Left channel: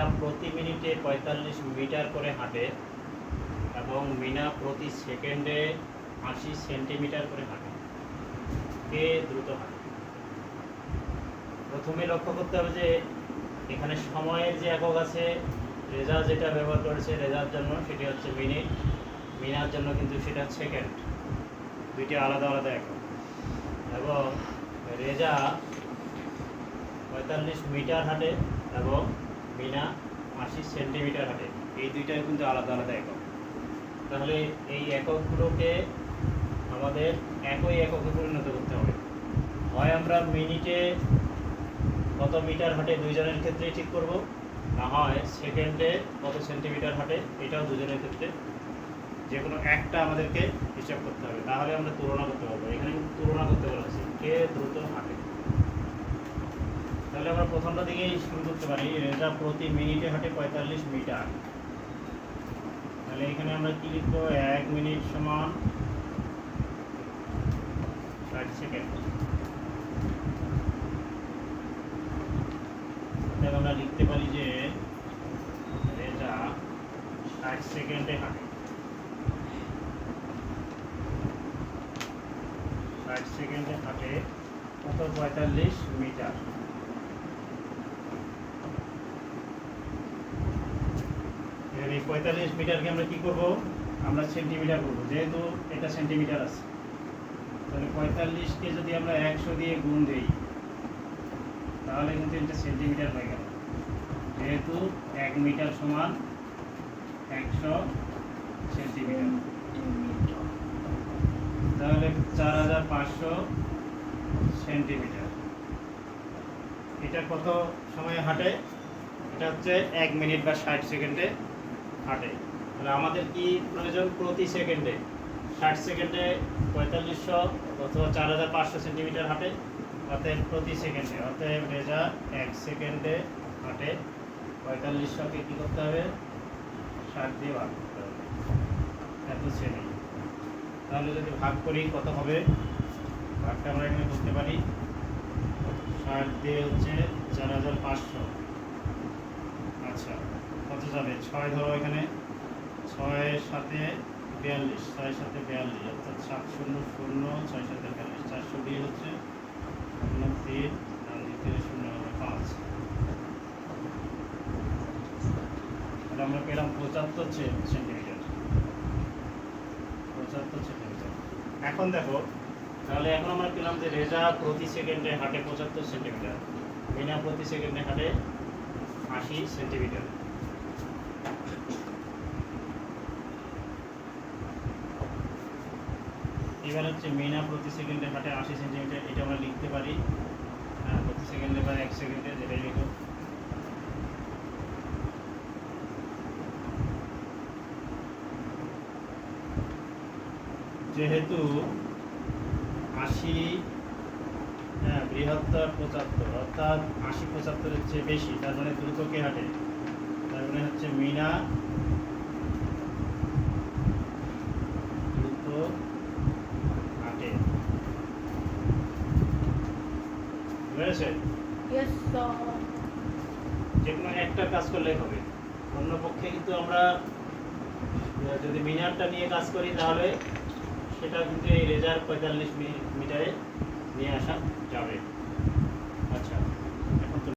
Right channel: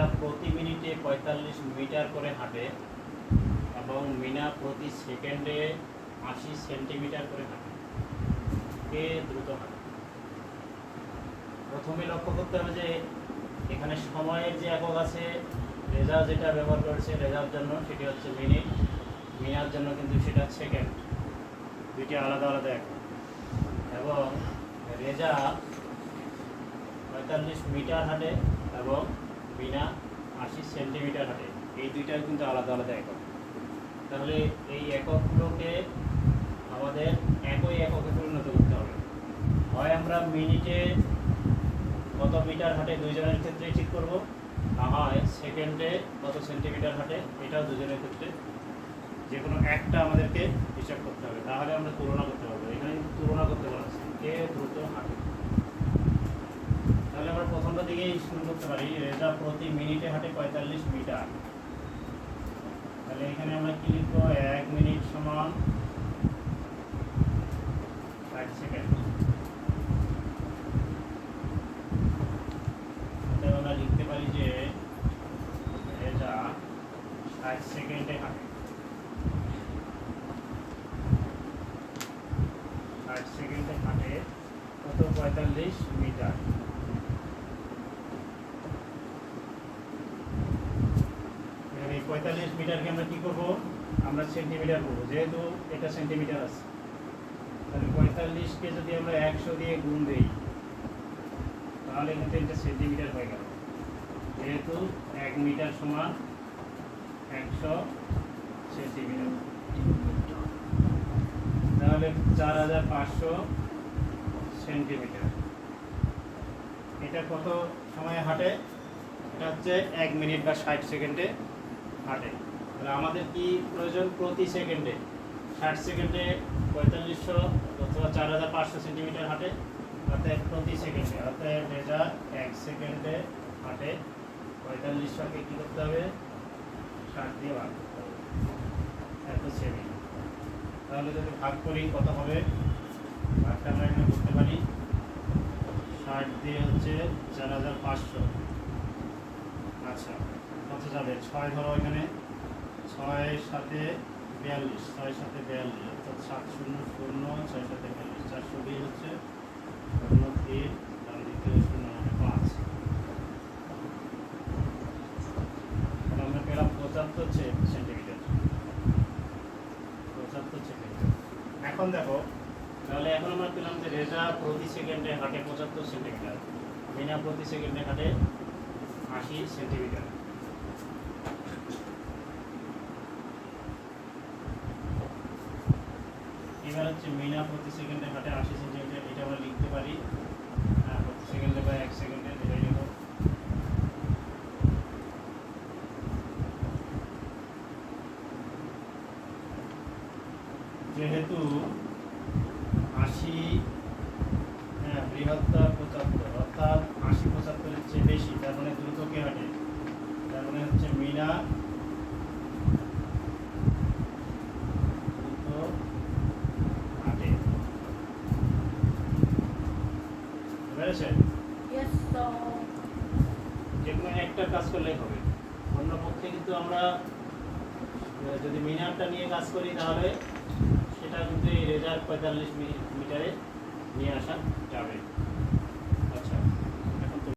রেজা প্রতি মিনিটে পঁয়তাল্লিশ মিটার করে হাঁটে এবং মিনা প্রতি সেকেন্ডে আশি সেন্টিমিটার করে হাঁটে। কে দ্রুত হাঁটে? প্রথমে লক্ষ্য করতে হবে যে এখানে সময়ের যে একক আছে রেজা যেটা ব্যবহার করেছে রেজার জন্য, সেটি হচ্ছে মিনিট। মিনার জন্য কিন্তু সেটা সেকেন্ড। দুইটি আলাদা আলাদা একক। এবং রেজা পঁয়তাল্লিশ মিটার হাঁটে এবং মিনা আশি সেন্টিমিটার হাঁটে। এই দুইটাই কিন্তু আলাদা আলাদা একক। তাহলে এই এককগুলোকে আমাদের একই এককে পরিণত করতে হবে। হয় আমরা মিনিটে কত মিটার হাঁটে দুইজনের ক্ষেত্রে ঠিক করব, না হয় সেকেন্ডে কত সেন্টিমিটার হাঁটে, এটাও দুজনের ক্ষেত্রে যে কোনো একটা আমাদেরকে হিসাব করতে হবে। তাহলে আমরা তুলনা করতে পারব। এখানে কিন্তু তুলনা করতে পারছি কে দ্রুত হাঁটে। তাহলে আমরা প্রথমটা দিকেই শুরু করতে পারি। রেজা প্রতি মিনিটে হাঁটে পঁয়তাল্লিশ মিটার। তাহলে এখানে আমরা কি লিখব? এক মিনিট সমান ষাট সেকেন্ড। আমরা লিখতে পারি যে রেজা ষাট সেকেন্ডে হাঁটে। ষাট সেকেন্ডে হাঁটে কত? পঁয়তাল্লিশ মিটার এবার এই পঁয়তাল্লিশ মিটারকে আমরা কি করব? আমরা সেন্টিমিটার করব, যেহেতু এটা সেন্টিমিটার আছে। তাহলে পঁয়তাল্লিশকে যদি আমরা একশো দিয়ে গুণ দিই, তাহলে কিন্তু এটা সেন্টিমিটার হয়ে গেল। যেহেতু এক মিটার সমান একশো সেন্টিমিটার তাহলে চার হাজার পাঁচশো সেন্টিমিটার এটা কত সময়ে হাঁটে? এটা হচ্ছে এক মিনিট বা ষাট সেকেন্ডে। হাঁটে। তাহলে আমাদের কি প্রয়োজন প্রতি সেকেন্ডে? ষাট সেকেন্ডে পঁয়তাল্লিশশো অথবা চার হাজার পাঁচশো সেন্টিমিটার হাঁটে অতএব প্রতি সেকেন্ডে। অতএব রেজা এক সেকেন্ডে হাঁটে। পঁয়তাল্লিশশোকে কী করতে হবে? ষাট দিয়ে ভাগ করতে হবে। এত শ্রেণি। তাহলে যদি ভাগ করি, কত হবে? ভাগটা আমরা এখানে করতে পারি। ষাট দিয়ে হচ্ছে চার হাজার পাঁচশো। যাবে ছয় ধরো এখানে। ছয় সাথে বিয়াল্লিশ, ছয় সাথে বিয়াল্লিশ, অর্থাৎ সাত শূন্য শূন্য, ছয় সাথে বিয়াল্লিশ চারশো দিয়ে হচ্ছে শূন্য তিন ডান দিক থেকে শূন্য হবে পাঁচ। তাহলে আমরা পেলাম পঁচাত্তর সেন্টিমিটার পঁচাত্তর সেন্টিমিটার এখন দেখো, তাহলে এখন আমরা পেলাম যে রেজা প্রতি সেকেন্ডে হাঁটে পঁচাত্তর সেন্টিমিটার মিনা প্রতি সেকেন্ডে হাঁটে আশি সেন্টিমিটার এবার হচ্ছে মিনা প্রতি সেকেন্ডে হাঁটে আশি সেন্টিমিটার এটা আমরা লিখতে পারি। প্রতি সেকেন্ডে বা এক সেকেন্ডে যেটাই লিখো যেহেতু আশি হ্যাঁ বৃহত্তর পঁচাত্তর, অর্থাৎ আশি পঁচাত্তরের চেয়ে বেশি, তার মানে দ্রুত কে হাঁটে। তার মানে হচ্ছে মিনা দ্রুত হাঁটে sir. যে কোনো একটা কাজ করলেই হবে। অন্য পক্ষে কিন্তু আমরা যদি মিনারটা নিয়ে কাজ করি তাহলে সেটা কিন্তু এই রেজার পঁয়তাল্লিশ মিটারে নিয়ে আসা যাবে।